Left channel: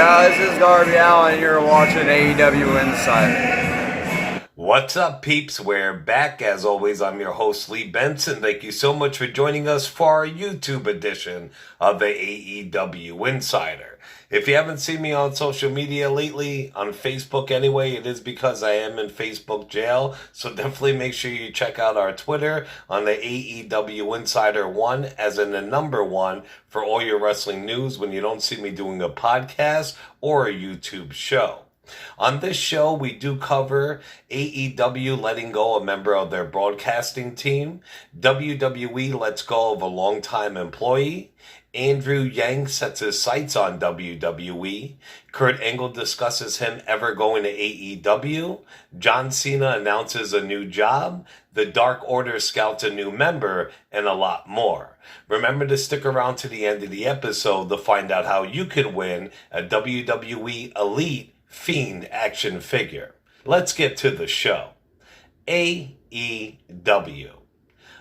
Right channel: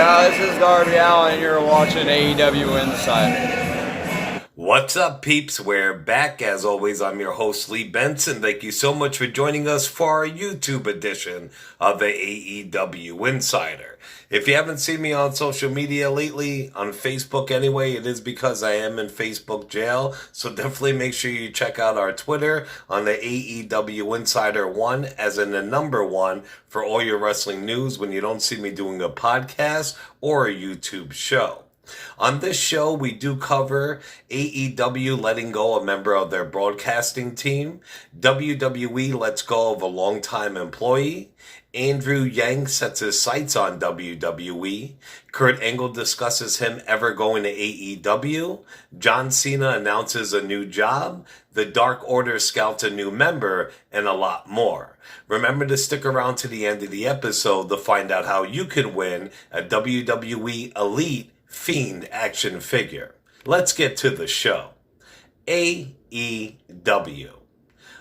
Yeah, this is Darby Allen, and you're watching AEW Insider. What's up, peeps? We're back. As always, I'm your host, Lee Benson. Thank you so much for joining us for our YouTube edition of the AEW Insider. If you haven't seen me on social media lately, on Facebook anyway, it is because I am in Facebook jail. So definitely make sure you check out our Twitter on the AEW Insider 1, as in the number 1, for all your wrestling news when you don't see me doing a podcast or a YouTube show. On this show, we do cover AEW letting go a member of their broadcasting team, WWE lets go of a longtime employee, Andrew Yang sets his sights on WWE, Kurt Angle discusses him ever going to AEW, John Cena announces a new job, the Dark Order scouts a new member, and a lot more. Remember to stick around to the end of the episode to find out how you can win a WWE Elite Fiend action figure. Let's get to the show. AEW.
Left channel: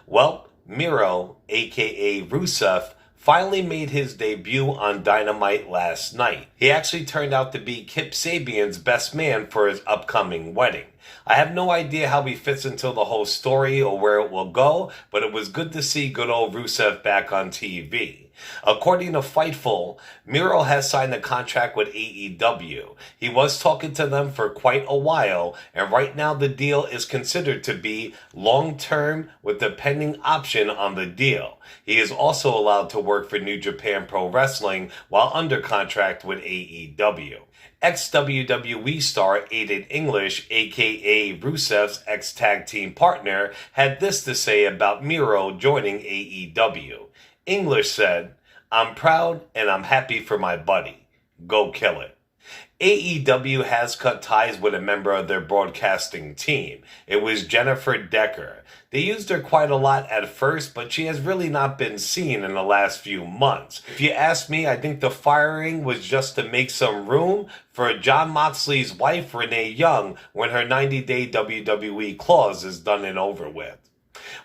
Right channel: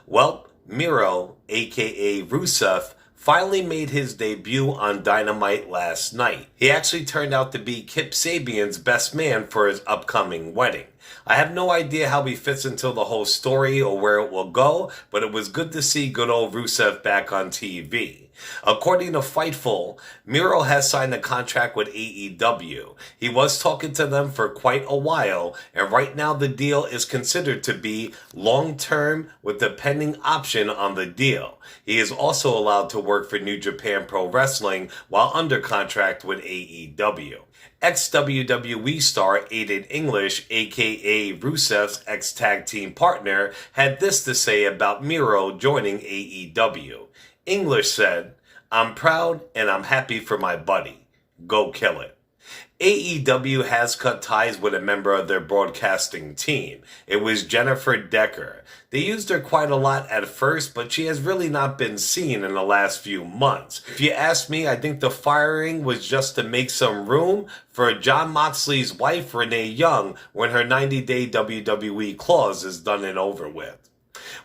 Well, Miro, aka Rusev, finally made his debut on Dynamite last night. He actually turned out to be Kip Sabian's best man for his upcoming wedding. I have no idea how he fits into the whole story or where it will go, but it was good to see good old Rusev back on TV. According to Fightful, Miro has signed a contract with AEW. He was talking to them for quite a while, and right now the deal is considered to be long-term with the pending option on the deal. He is also allowed to work for New Japan Pro Wrestling while under contract with AEW. Ex-WWE star Aiden English, aka Rusev's ex-tag team partner, had this to say about Miro joining AEW. English said, "I'm proud and I'm happy for my buddy. Go kill it." AEW has cut ties with a member of their broadcasting team. It was Jennifer Decker. They used her quite a lot at first, but she has really not been seen in the last few months. If you ask me, I think the firing was just to make some room for Jon Moxley's wife, Renee Young, when her 90-day WWE clause is done and over with.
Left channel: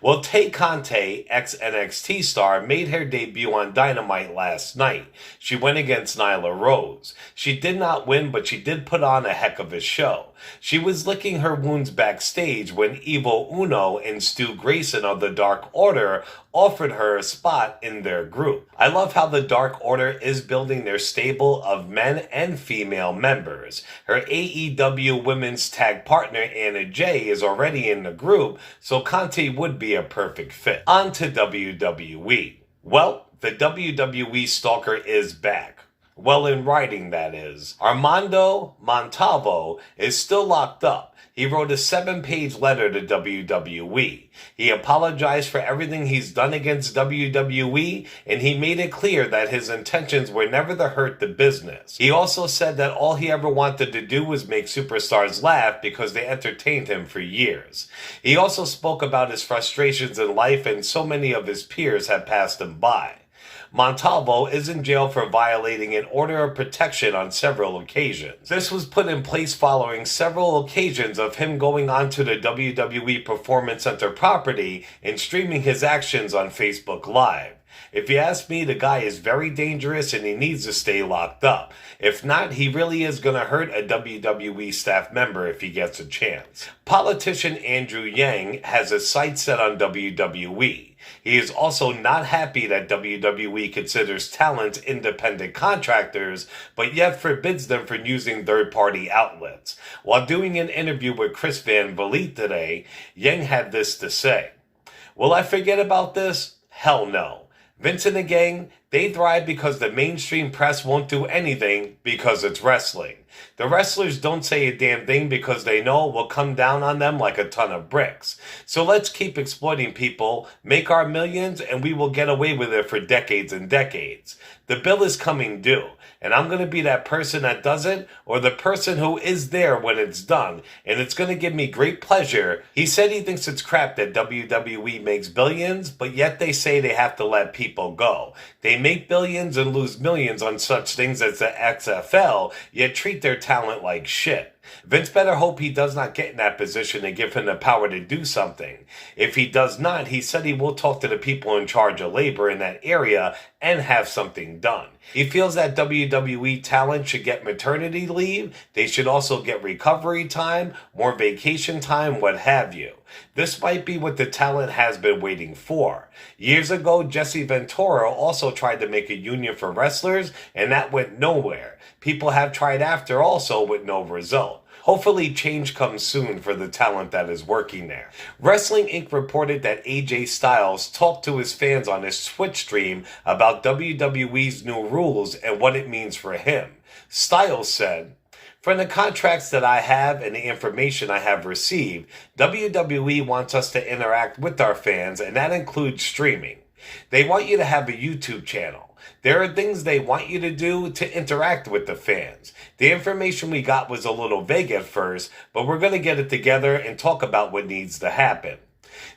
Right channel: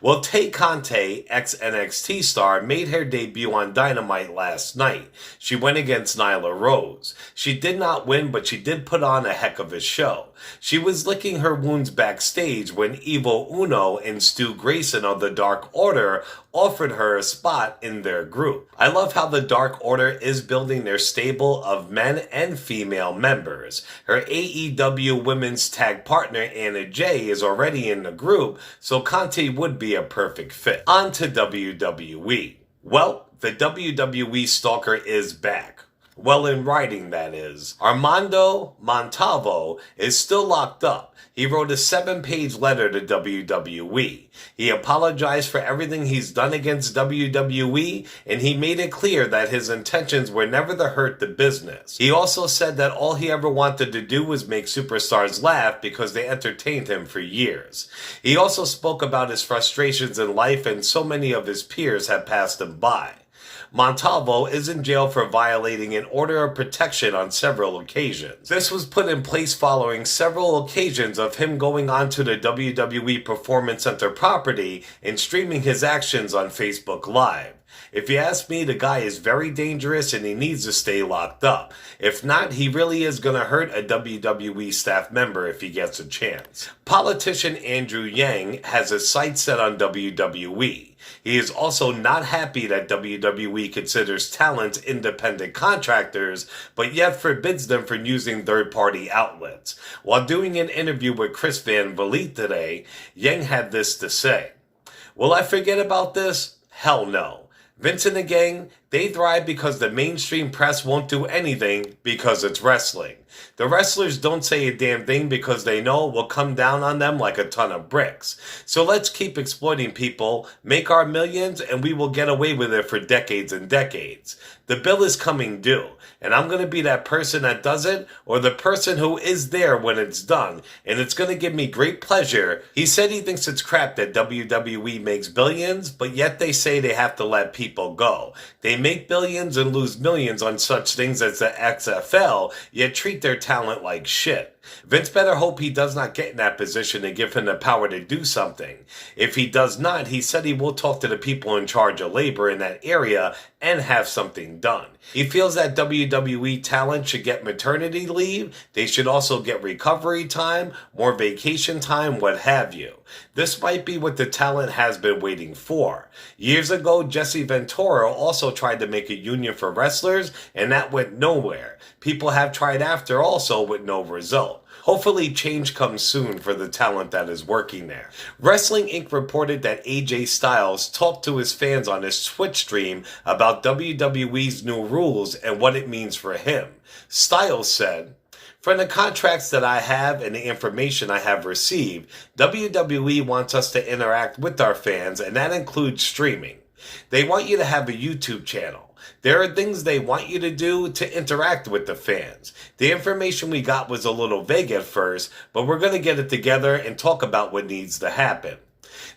Well, Tay Conti, ex-NXT star, made her debut on Dynamite last night. She went against Nyla Rose. She did not win, but she did put on a heck of a show. She was licking her wounds backstage when Evil Uno and Stu Grayson of the Dark Order offered her a spot in their group. I love how the Dark Order is building their stable of men and female members. Her AEW women's tag partner Anna Jay is already in the group, so Conti would be a perfect fit. On to WWE. Well, the WWE stalker is back. Well, in writing, that is. Armando Montalvo is still locked up. He wrote a 7-page letter to WWE. He apologized for everything he's done against WWE, and he made it clear that his intentions were never to hurt the business. He also said that all he ever wanted to do was make superstars laugh because they entertained him for years. He also spoke about his frustrations in life, and so many of his peers have passed him by. Montalvo is in jail for violating an order of protection on several occasions. This was put in place following several occasions of him going onto the WWE Performance Center property and streaming his actions on Facebook Live. If you ask me, the guy is very dangerous and he needs to stay locked up. If not, he really is going to hurt a WWE staff member if he gets a chance. Politician Andrew Yang has his sights set on WWE. He is also not happy that WWE considers talent independent contractors, but yet forbids them from using third-party outlets. While doing an interview with Chris Van Vliet today, Yang had this to say: "Will I forget about this? Hell no. Vince and the gang, they thrive because the mainstream press won't do anything because it's wrestling. The wrestlers don't say a damn thing because they know it will come down on them like a ton of bricks. So let's keep exploiting people, make our millions, and we will get away with it for decades and decades. The bill is coming due, and I'm going to be that person that does it, or the person who is there when it's done, and it's going to give me great pleasure." He said he thinks it's crap that WWE makes billions, but yet they say they have to let people go. They make billions and lose millions on such things as the XFL, yet treat their talent like shit. Vince better hope he does not get in that position and give him the power to do something. If he does not, he said he will talk to the people in charge of labor in that area and have something done. He feels that WWE talent should get maternity leave. They should also get recovery time, more vacation time, what have you. This might be what the talent has been waiting for. Years ago, Jesse Ventura also tried to make a union for wrestlers, and that went nowhere. People have tried after also with no result. Hopefully change comes soon for the talent that is working there. Wrestling Inc. reported that AJ Styles talked to his fans on his Twitch stream about WWE's new rules and what it means for him. Styles said, "From the contracts that I have and the information I have received, WWE wants us to interact with our fans, and that includes streaming. They want you to have a YouTube channel. There are things they want you to do to interact with the fans. The information we got was a little vague at first, but we're going to get it together and talk about what needs to happen."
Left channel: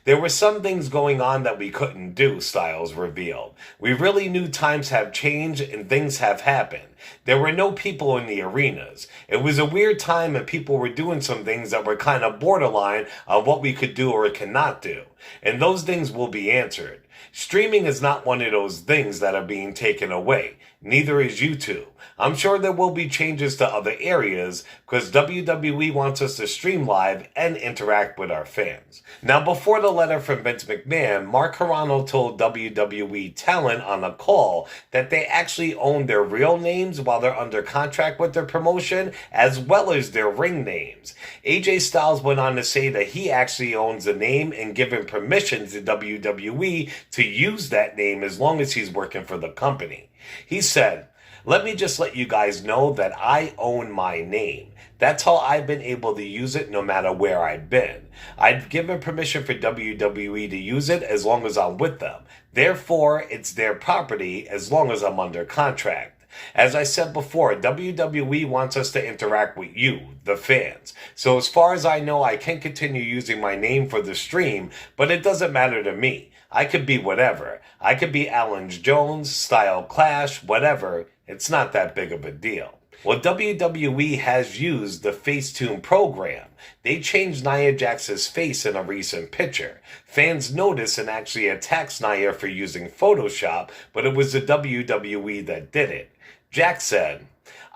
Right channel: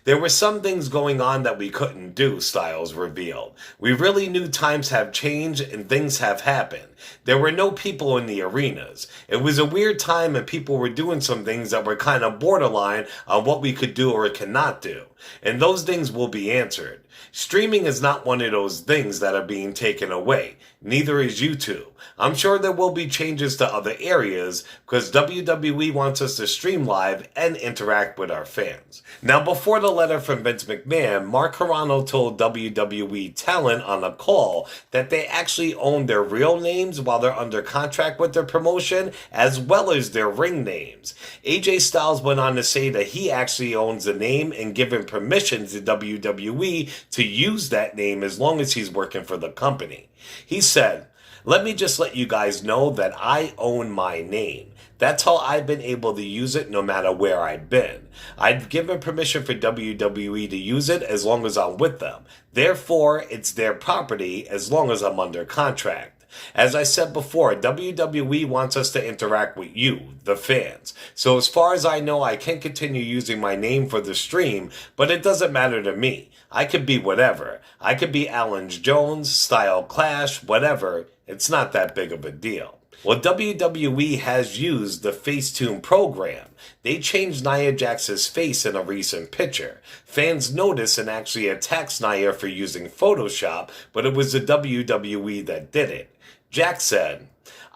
There were some things going on that we couldn't do, Styles revealed. We really knew times have changed and things have happened. There were no people in the arenas. It was a weird time and people were doing some things that were kind of borderline on what we could do or cannot do. And those things will be answered. Streaming is not one of those things that are being taken away. Neither is YouTube. I'm sure there will be changes to other areas because WWE wants us to stream live and interact with our fans. Now, before the letter from Vince McMahon, Mark Carrano told WWE talent on a call that they actually own their real names while they're under contract with their promotion, as well as their ring names. AJ Styles went on to say that he actually owns the name and given permission to WWE to use that name as long as he's working for the company. He said, "Let me just let you guys know that I own my name. That's how I've been able to use it no matter where I've been. I've given permission for WWE to use it as long as I'm with them. Therefore, it's their property as long as I'm under contract. As I said before, WWE wants us to interact with you, the fans. So as far as I know, I can continue using my name for the stream, but it doesn't matter to me. I could be whatever. I could be Alan Jones, Style Clash, whatever. It's not that big of a deal." Well, WWE has used the Facetune program. They changed Nia Jax's face in a recent picture. Fans noticed and actually attacked Nia for using Photoshop, but it was the WWE that did it. Jax said,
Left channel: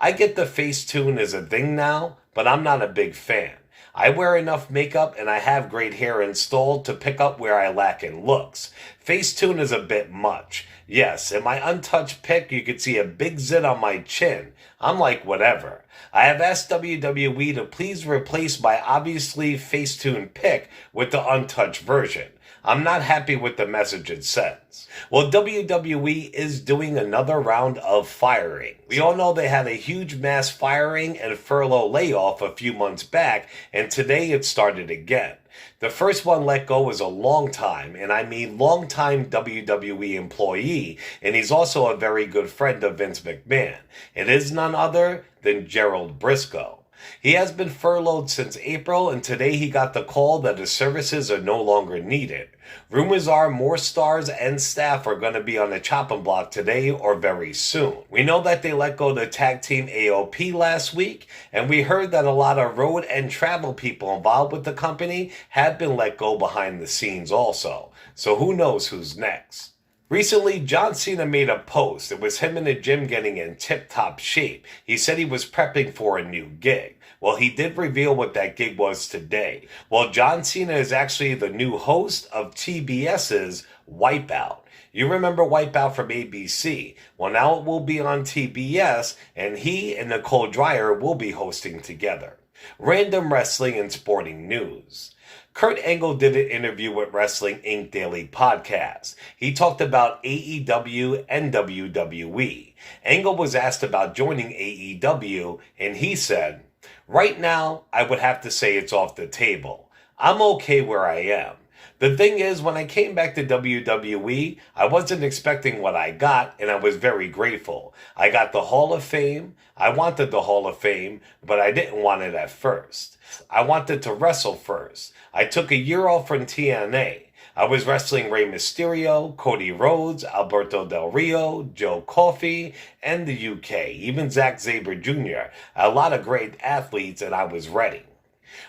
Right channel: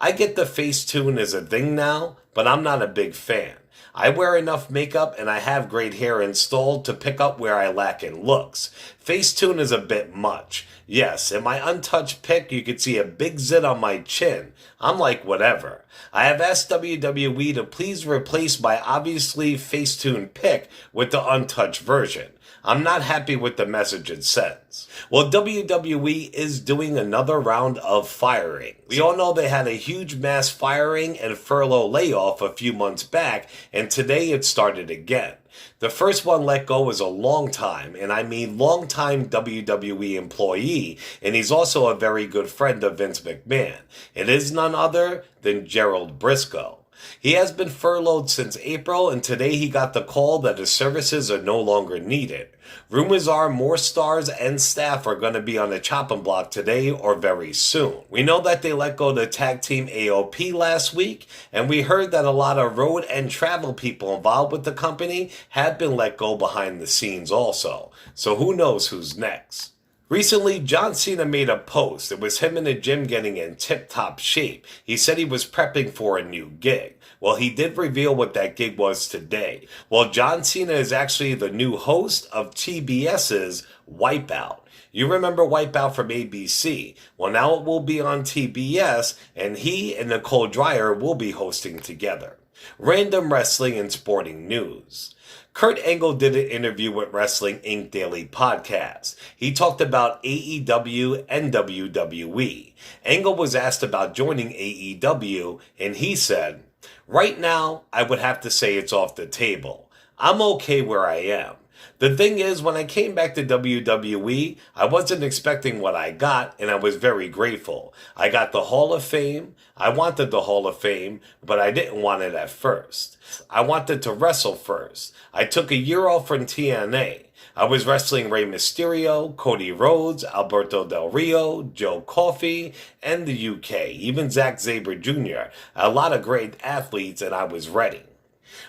"I get the Facetune is a thing now, but I'm not a big fan. I wear enough makeup and I have great hair installed to pick up where I lack in looks. Facetune is a bit much. Yes, in my untouched pic, you could see a big zit on my chin. I'm like, whatever. I have asked WWE to please replace my obviously Facetune pic with the untouched version. I'm not happy with the message it sends." Well, WWE is doing another round of firing. We all know they had a huge mass firing and furlough layoff a few months back, and today it started again. The first one let go was a long-time, and I mean long-time WWE employee, and he's also a very good friend of Vince McMahon. It is none other than Gerald Briscoe. He has been furloughed since April, and today he got the call that his services are no longer needed. Rumors are more stars and staff are going to be on the chopping block today or very soon. We know that they let go the tag team AOP last week, and we heard that a lot of road and travel people involved with the company have been let go behind the scenes also. So who knows who's next? Recently, John Cena made a post. It was him in the gym getting in tip-top shape. He said he was prepping for a new gig. Well, he did reveal what that gig was today. Well, John Cena is actually the new host of TBS's Wipeout. You remember Wipeout from ABC. Well, now it will be on TBS, and he and Nicole Dwyer will be hosting together. Random wrestling and sporting news. Kurt Angle did an interview with Wrestling Inc. Daily Podcast. He talked about AEW and WWE. Angle was asked about joining AEW, and he said, "Right now, I would have to say it's off the table. I'm okay where I am. The thing is, when I came back to WWE, I wasn't expecting what I got, and I was very grateful. I got the Hall of Fame. I wanted the Hall of Fame, but I didn't want it at first. I wanted to wrestle first. I took a year off from TNA. I was wrestling Rey Mysterio, Cody Rhodes, Alberto Del Rio, Joe Coffey, and the UK, even Zack Sabre Jr., a lot of great athletes, and I was ready.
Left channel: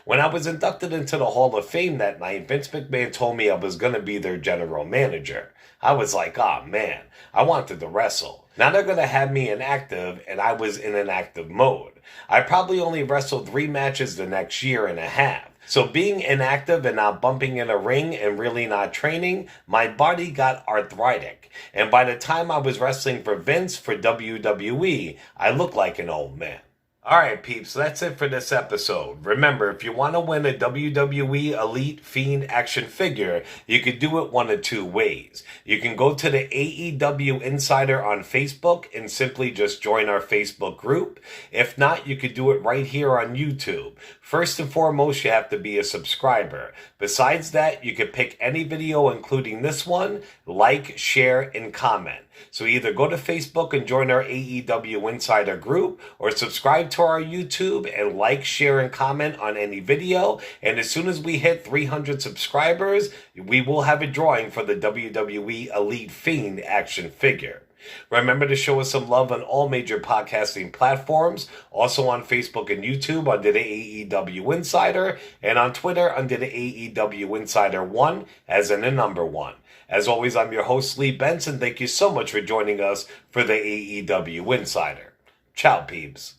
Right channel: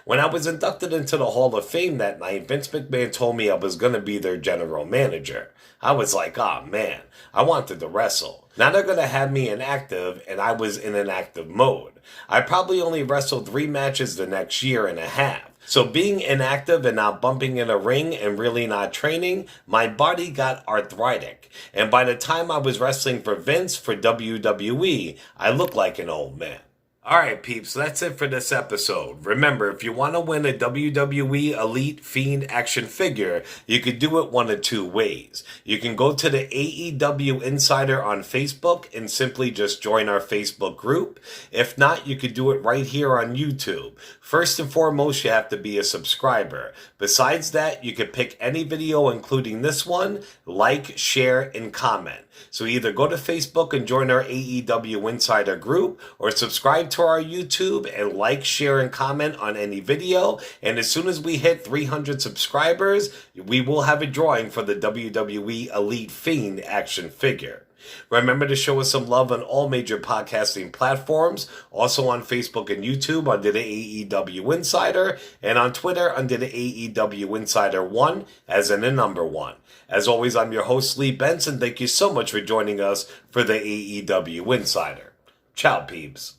When I was inducted into the Hall of Fame that night, Vince McMahon told me I was going to be their general manager. I was like, oh man, I wanted to wrestle. Now they're going to have me inactive, and I was in an active mode. I probably only wrestled 3 matches the next year and a half. So being inactive and not bumping in a ring and really not training, my body got arthritic. And by the time I was wrestling for Vince for WWE, I looked like an old man. Alright peeps, that's it for this episode. Remember, if you want to win a WWE Elite Fiend action figure, you could do it one of 2 ways. You can go to the AEW Insider on Facebook and simply just join our Facebook group. If not, you could do it right here on YouTube. First and foremost, you have to be a subscriber. Besides that, you could pick any video, including this one, like, share, and comment. So either go to Facebook and join our AEW Insider group, or subscribe to our YouTube and like, share, and comment on any video. And as soon as we hit 300 subscribers, we will have a drawing for the WWE Elite Fiend action figure. Remember to show us some love on all major podcasting platforms, also on Facebook and YouTube under the AEW Insider, and on Twitter under the AEW Insider 1, as in the number 1. As always, I'm your host, Lee Benson. Thank you so much for joining us for the AEW Insider. Ciao, peeps.